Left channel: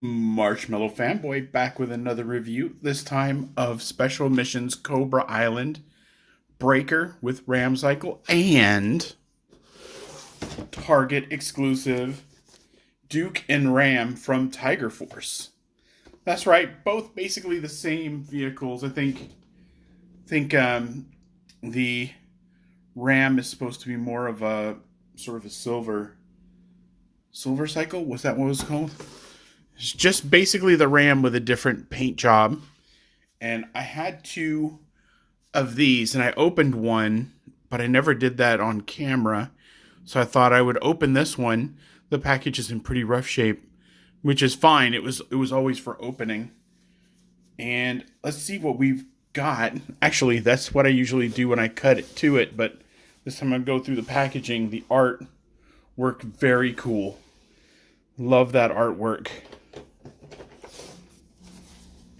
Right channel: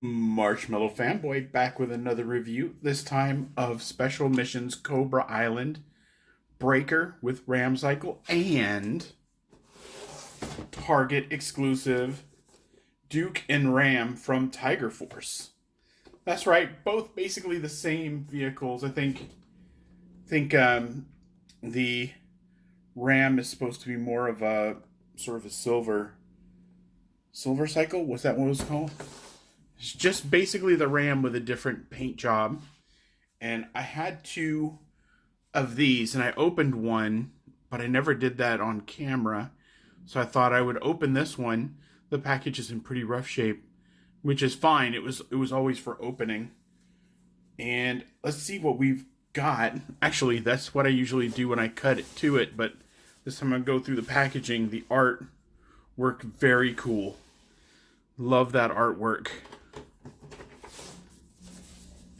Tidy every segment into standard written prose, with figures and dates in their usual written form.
Marshmallow Fanboy back with another review, this time of Special Missions Cobra Island, Breaker with Ram Cycle, and Target exclusive Duke and Ram from Tiger Force. That's right, both basically the same vehicles. I think the Ram is supposed to be more of a sort of a silver cycle. Was that what it was called? It's just basically the Ram with a different paint job. And I had two of these, and I opened one, but I never did that on camera. So I thought I would open this one. The package is in pretty rough shape, which is fine. It was always for opening. And let's see what we've got. Actually, that's what I usually do when I cut it to it, but this time I'm going to go through the packaging. The art worked very cool. Love that artwork.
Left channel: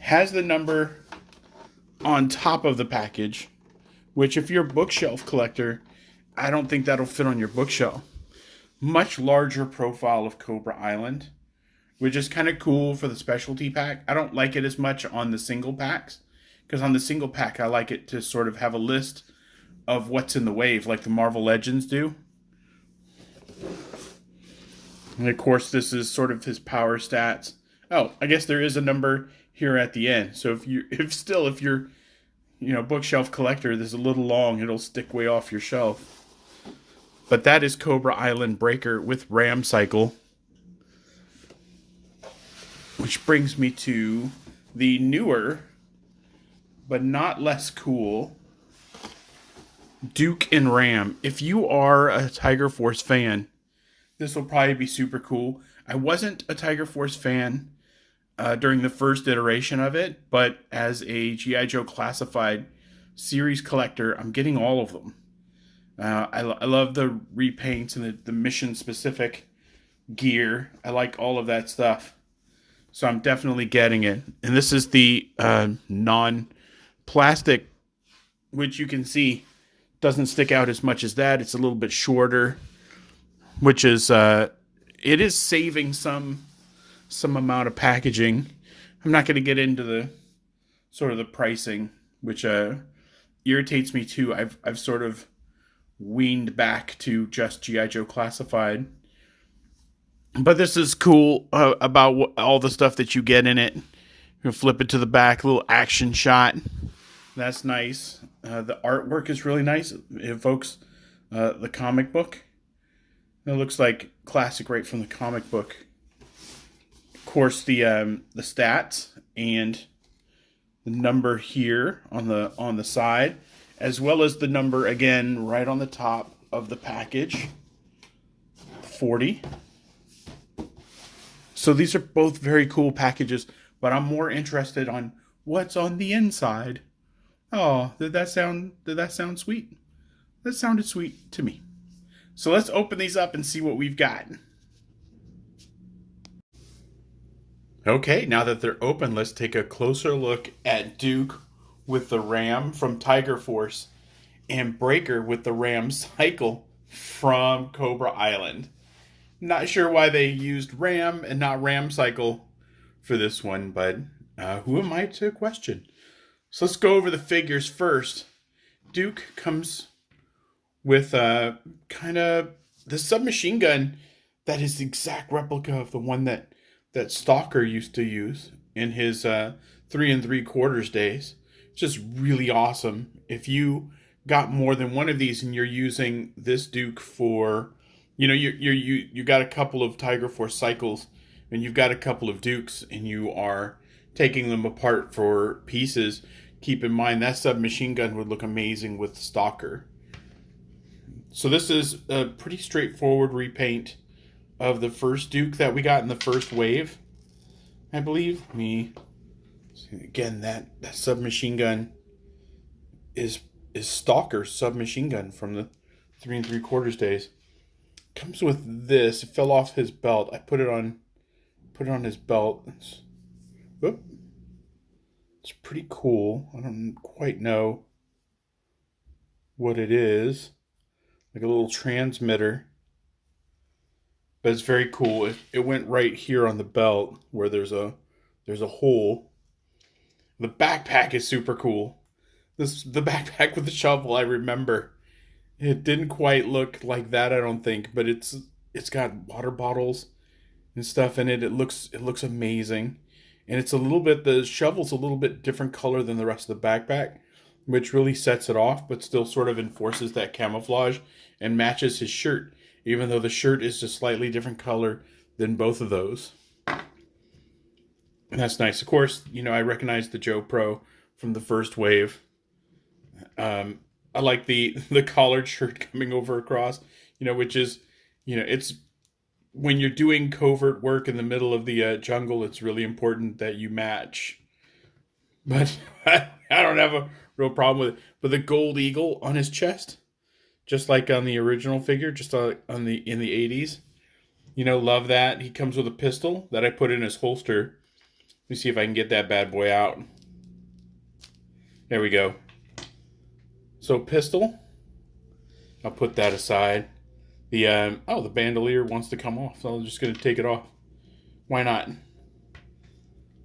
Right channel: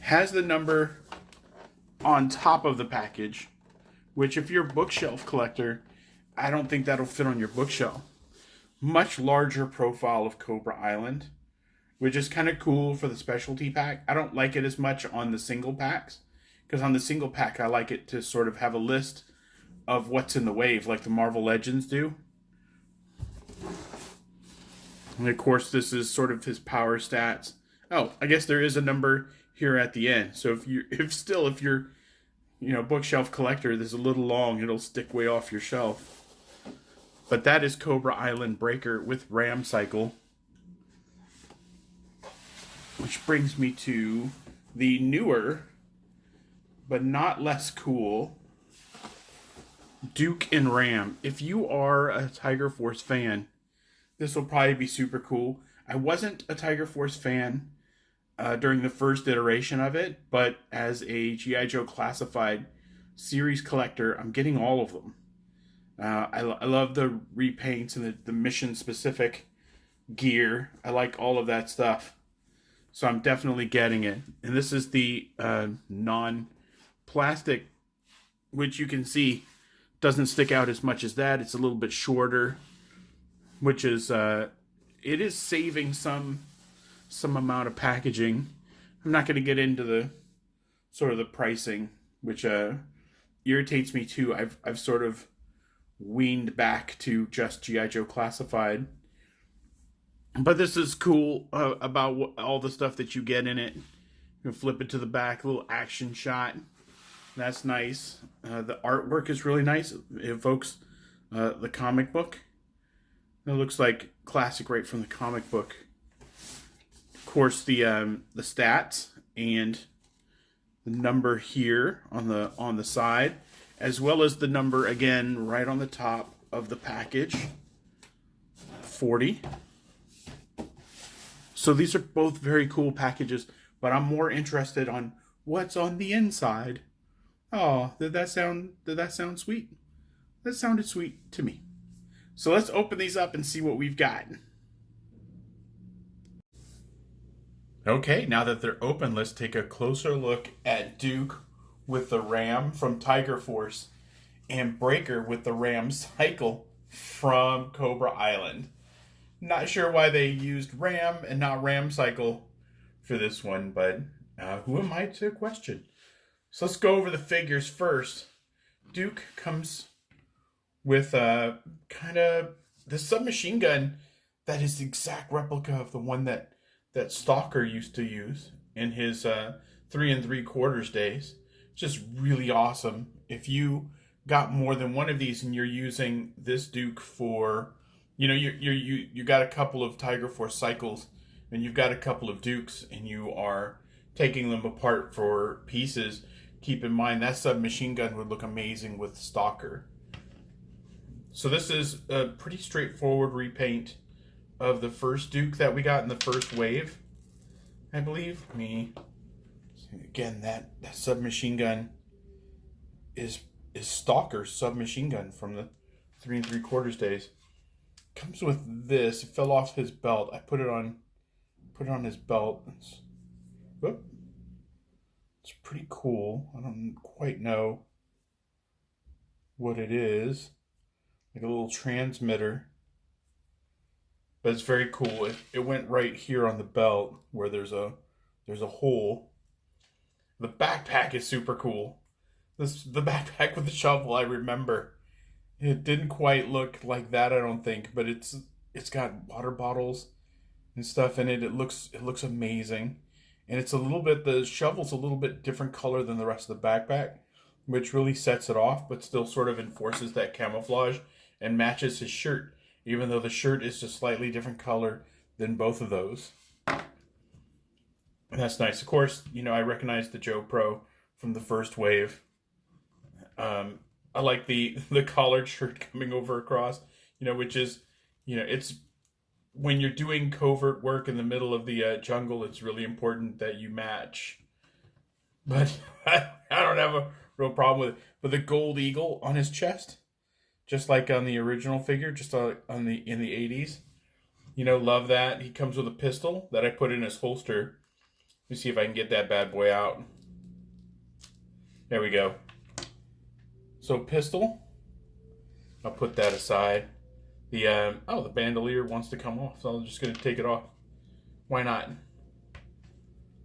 Has the number on top of the package, which if you're a bookshelf collector, I don't think that'll fit on your bookshelf. Much larger profile of Cobra Island, which is kind of cool for the specialty pack. I don't like it as much on the single packs, because on the single pack I like it to sort of have a list of what's in the wave, like the Marvel Legends do. And of course, this is sort of his power stats. Oh, I guess there is a number here at the end. So if you're bookshelf collector, this is a little long, it'll stick way off your shelf. But that is Cobra Island Breaker with Ram Cycle. Which brings me to the newer, but not less cool, Duke and Ram. If you are a Tiger Force fan, this will probably be super cool. I wasn't a Tiger Force fan during the first iteration of it, but as a G.I. Joe Classified series collector, I'm getting all of them. I love the repaints and the mission-specific gear. I like all of that stuff. So I'm definitely getting it. And this is the non-plastic, which you can see doesn't stick out as much as that. It's a little bit shorter, which is it is saving some amount of packaging. I'm not going to get into the sort of the pricing, which irritates me too. I've sort of weaned back to just G.I. Joe Classified. But this is cool about all the stuff that you get in it. You flip it to the back, little action shot. That's nice. The artwork is really nice. It evokes the comic book. It looks like classic right from the comic book. Of course, the stats and the number here on the side, as well as the number again right on the top of the package. 40. So these are both very cool packages, but I'm more interested on what's on the inside. Oh, did that sound sweet? That sounded sweet to me. So let's open these up and see what we've got. Okay, now that they're open, let's take a closer look at Duke with the Ram from Tiger Force and Breaker with the Ram Cycle from Cobra Island. Not sure why they used Ram and not Ram Cycle for this one, but who am I to question? So let's go over the figures first. Duke comes with kind of the submachine gun that is the exact replica of the one that Stalker used to use in his 3 3/4 days. It's just really awesome. If you got more than one of these and you're using this Duke for, you got a couple of Tiger Force cycles and you've got a couple of Dukes and you are taking them apart for pieces, keep in mind that submachine gun would look amazing with Stalker. So this is a pretty straightforward repaint of the first Duke that we got in the first wave, I believe. Again, that submachine gun is Stalker's submachine gun from the 3 3/4 days. Comes with this. It fell off his belt. I put it on his belt. It's pretty cool. I don't quite know what it is. Like a little transmitter. but it's very cool. It went right here on the belt where there's a hole. The backpack is super cool. The backpack with the shovel, I remember. It didn't quite look like that, I don't think, but it's got water bottles and stuff in it. It looks amazing. And it's a little bit the shovel's a little bit different color than the rest of the backpack, which really sets it off, but still sort of enforces that camouflage and matches his shirt, even though the shirt is just slightly different color than both of those. And that's nice. Of course, I recognize the Joe Pro from the first wave. I like the collared shirt coming over across, which is, it's when you're doing covert work in the middle of the jungle, it's really important that you match. But I don't have a real problem with it. But the gold eagle on his chest, just like on the original figure, just on the in the 80s, love that. He comes with a pistol that I put in his holster. Let me see if I can get that bad boy out. There we go. So pistol, I'll put that aside. The bandolier wants to come off, so I'm just gonna take it off. Why not?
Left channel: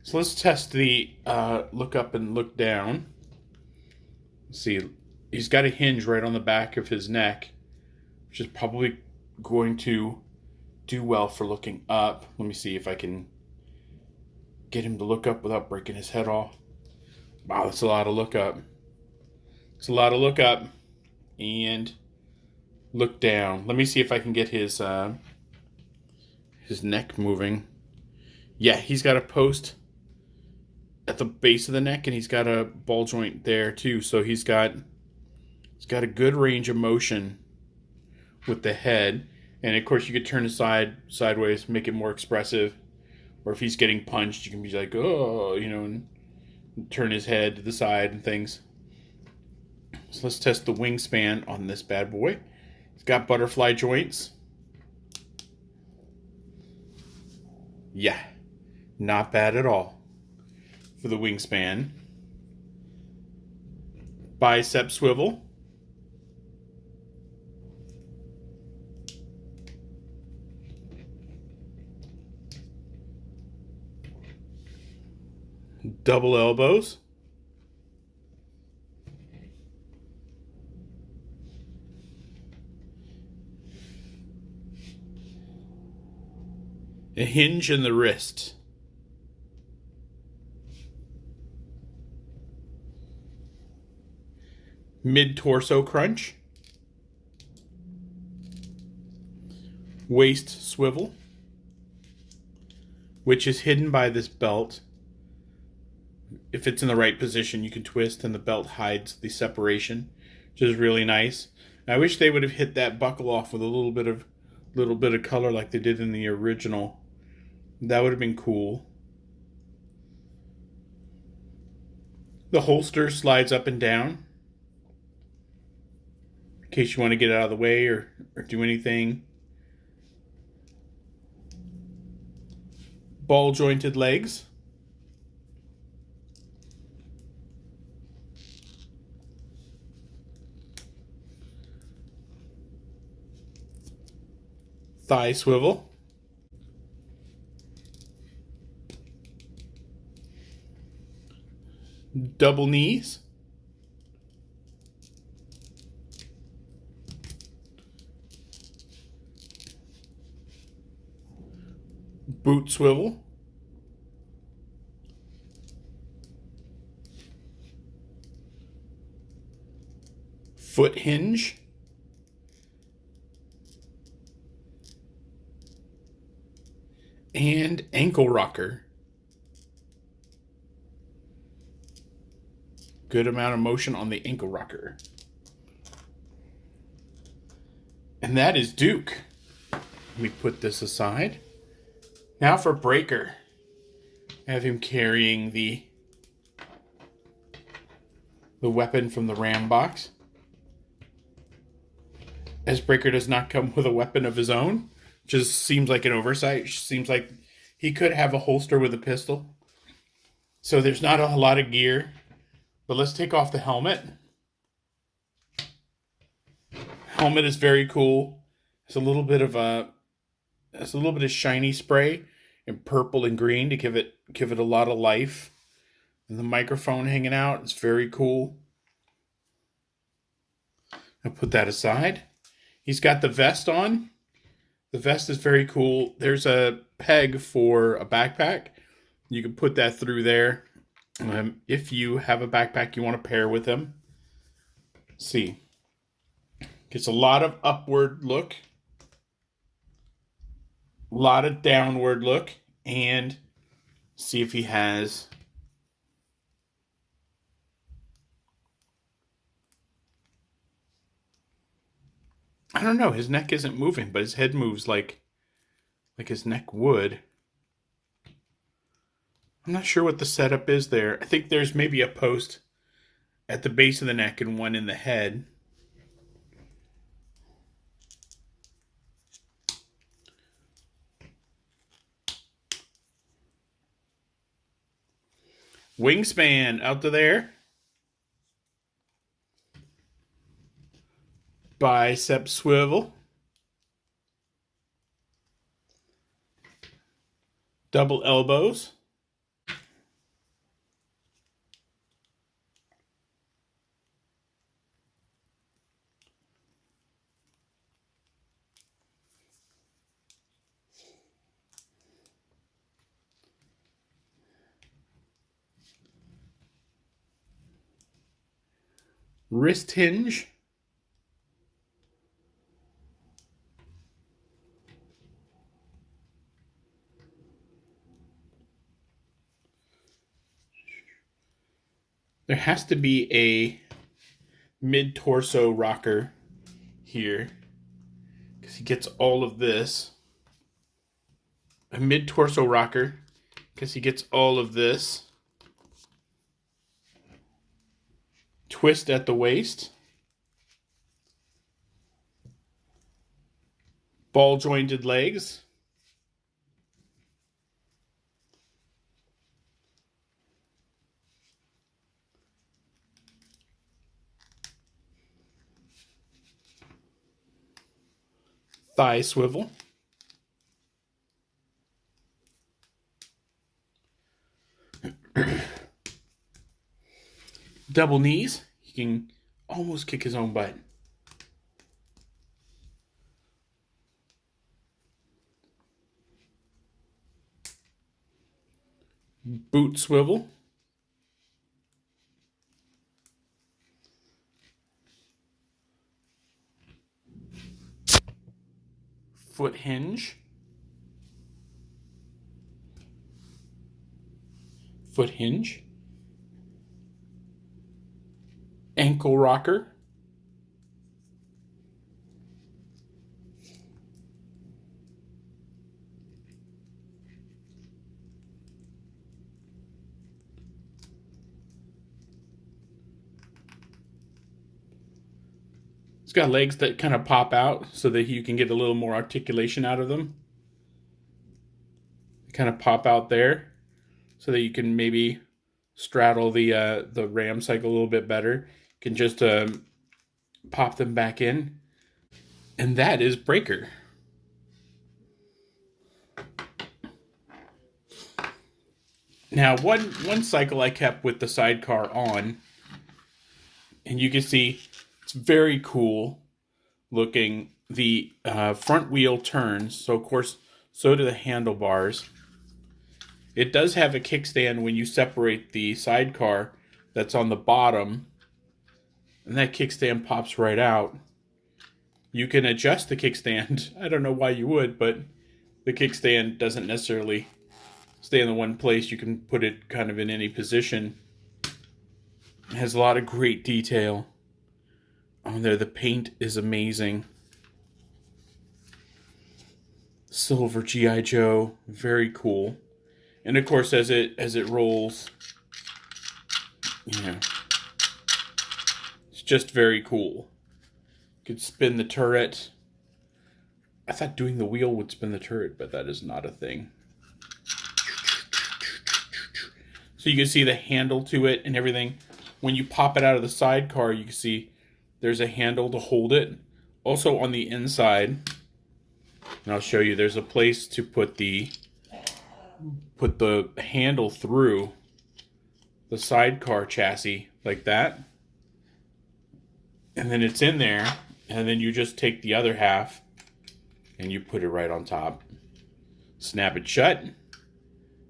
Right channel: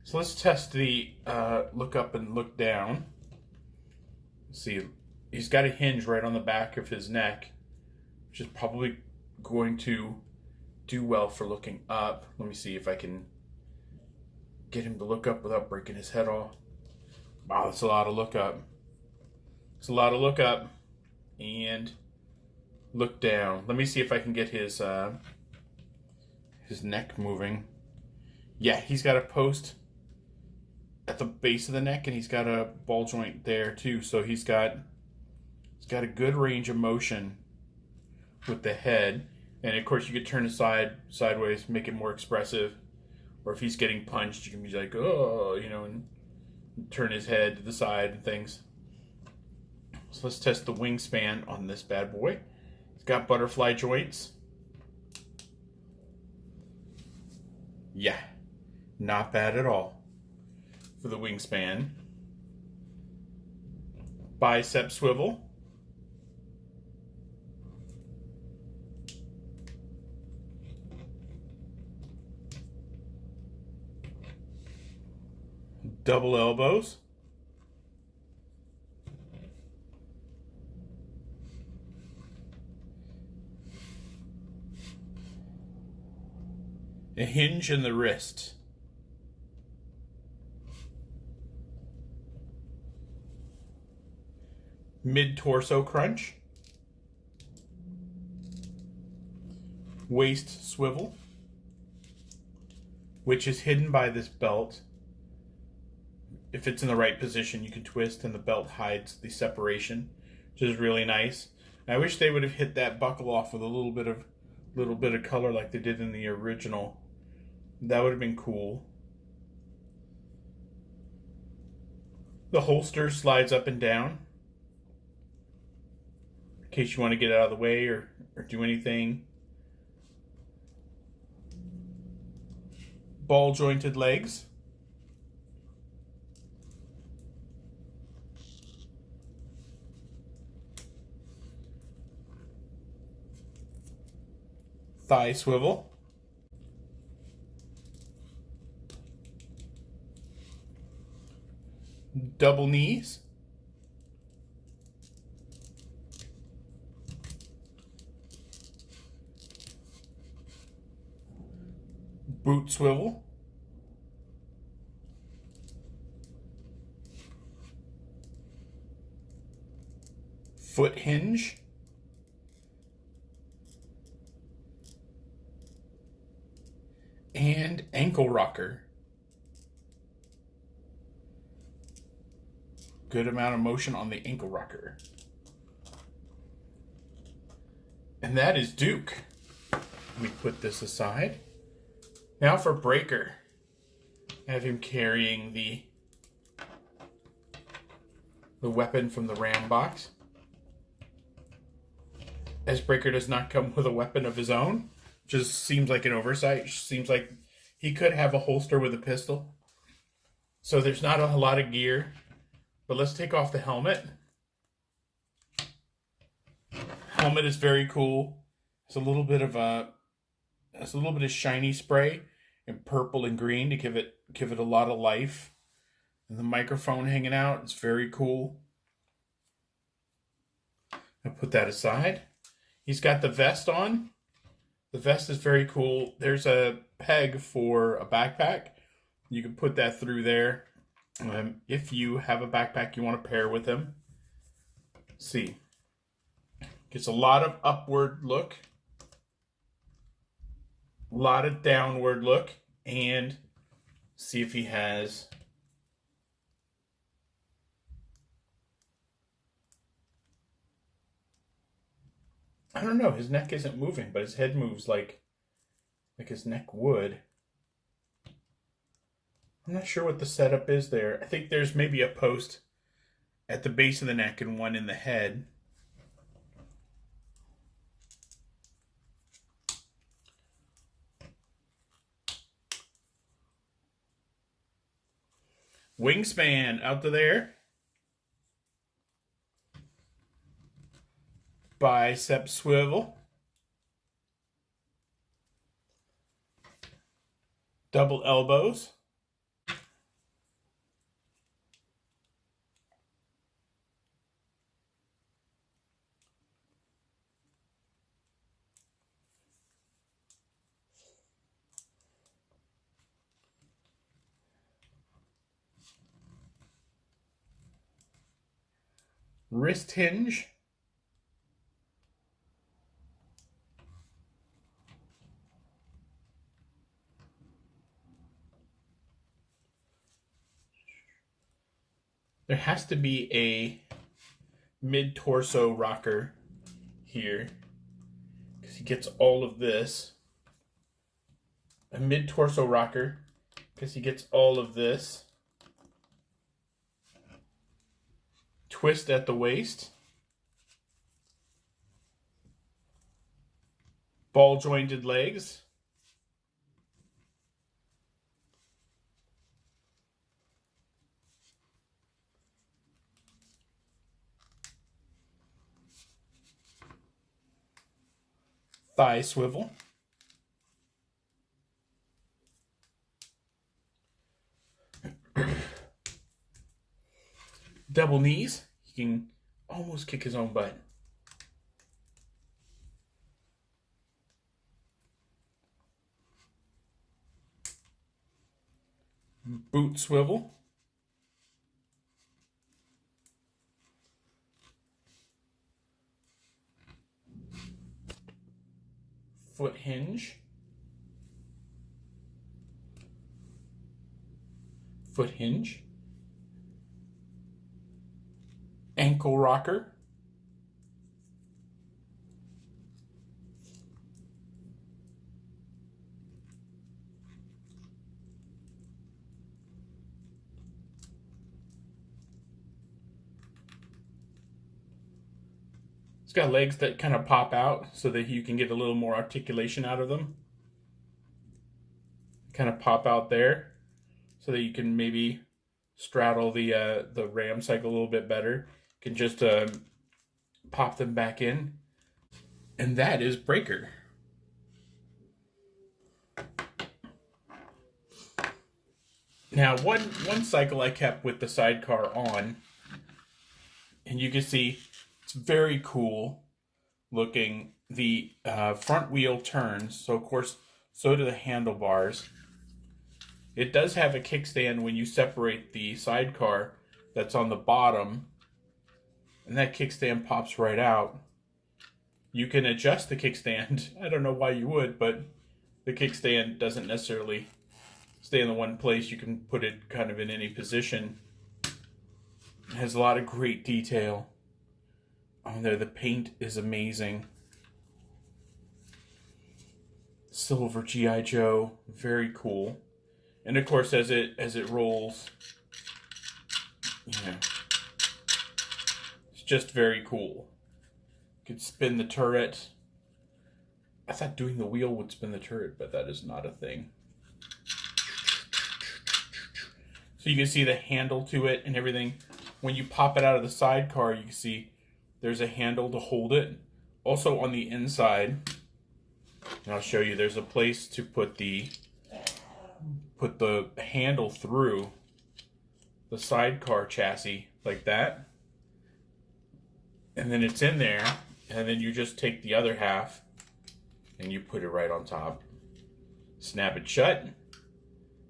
So let's test the look up and look down. Let's see, he's got a hinge right on the back of his neck, which is probably going to do well for looking up. Let me see if I can get him to look up without breaking his head off. Wow, that's a lot of look up. It's a lot of look up and look down. Let me see if I can get his neck moving. Yeah, he's got a post at the base of the neck, and he's got a ball joint there too. So he's got a good range of motion with the head. And of course, you could turn it sideways, make it more expressive. Or if he's getting punched, you can be like, oh, and turn his head to the side and things. So let's test the wingspan on this bad boy. It's got butterfly joints. Yeah, not bad at all for the wingspan. Bicep swivel. Double elbows. A hinge in the wrist. Mid-torso crunch. Waist swivel, which is hidden by this belt. If it's in the right position, you can twist and the belt hides the separation, which is really nice. I wish they would have hit that buckle off with a little bit of color like they did in the original. That would have been cool. The holster slides up and down in case you want to get out of the way or do anything. Ball jointed legs. Thigh swivel. Double knees. Boot swivel. Foot hinge. And ankle rocker. Good amount of motion on the ankle rocker. And that is Duke. Let me put this aside. Now for Breaker. I have him carrying the weapon from the Ram box. As Breaker does not come with a weapon of his own, just seems like an oversight. Seems like he could have a holster with a pistol. So there's not a lot of gear. But let's take off the helmet. Helmet is very cool. It's a little bit of a has a little bit of shiny spray in purple and green to give it a lot of life. And the microphone hanging out, it's very cool. I'll put that aside. He's got the vest on. The vest is very cool. There's a peg for a backpack. You can put that through there. If you have a backpack you want to pair with him. See. Gets a lot of upward look. A lot of downward look. And see if he has... I don't know, his neck isn't moving, but his head moves like his neck would. I'm not sure what the setup is there. I think there's maybe a post at the base of the neck and one in the head. Wingspan out to there. Bicep swivel. Double elbows. Wrist hinge. There has to be a mid-torso rocker here because he gets all of this. A mid-torso rocker because he gets all of this. Twist at the waist. Ball jointed legs. Thigh swivel. Double knees. He can almost kick his own butt. Boot swivel. Foot hinge. Foot hinge. Ankle rocker. It's got legs that kind of pop out so that you can get a little more articulation out of them. Kind of pop out there so that you can maybe straddle the ram cycle a little bit better. You can just pop them back in. And that is Breaker. Now, one cycle I kept with the sidecar on, and you can see it's very cool looking. The front wheel turns, so of course, so do the handlebars. It does have a kickstand when you separate the sidecar that's on the bottom, and that kickstand pops right out. You can adjust the kickstand. I don't know why you would, but the kickstand doesn't necessarily stay in the one place. You can put it kind of in any position. It has a lot of great detail on there. The paint is amazing. Silver G.I. Joe, very cool. And of course, as it rolls, it's just very cool. You could spin the turret. I thought doing the wheel would spin the turret, but that is not a thing. So you can see the handle to it and everything. When you pop it out of the sidecar, you can see there's a handle to hold it. Also on the inside, And I'll show you, there's a place to put the handle through the sidecar chassis like that. And then it's in there, and then you just take the other half and you put it right on top. Snap it shut.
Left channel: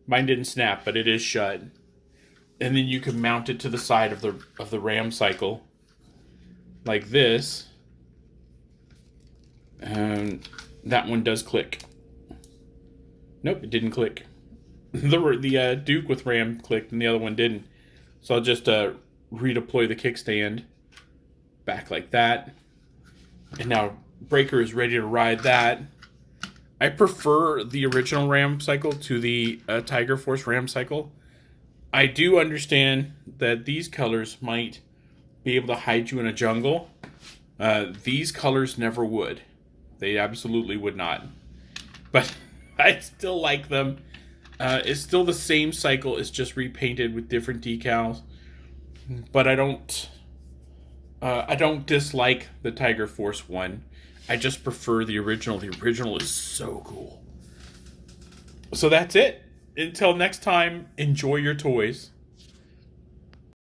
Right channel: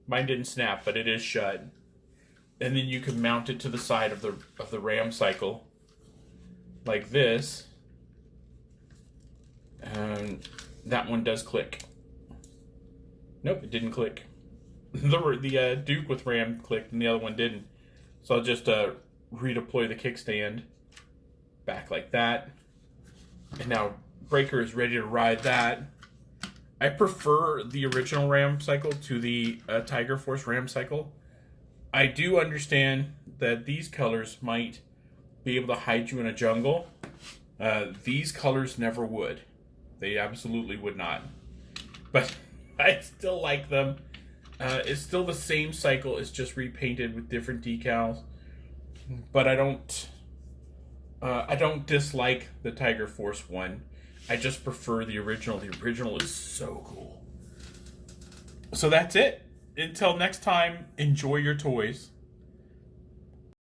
Mine didn't snap, but it is shut. And then you can mount it to the side of the ram cycle like this. And that one does click. Nope, it didn't click. The Duke with ram clicked and the other one didn't. So I'll just redeploy the kickstand back like that. And now Breaker is ready to ride that. I prefer the original ram cycle to the Tiger Force ram cycle. I do understand that these colors might be able to hide you in a jungle. These colors never would. They absolutely would not. But I still like them. It's still the same cycle. It's just repainted with different decals. But I don't dislike the Tiger Force one. I just prefer the original. The original is so cool. So that's it. Until next time, enjoy your toys.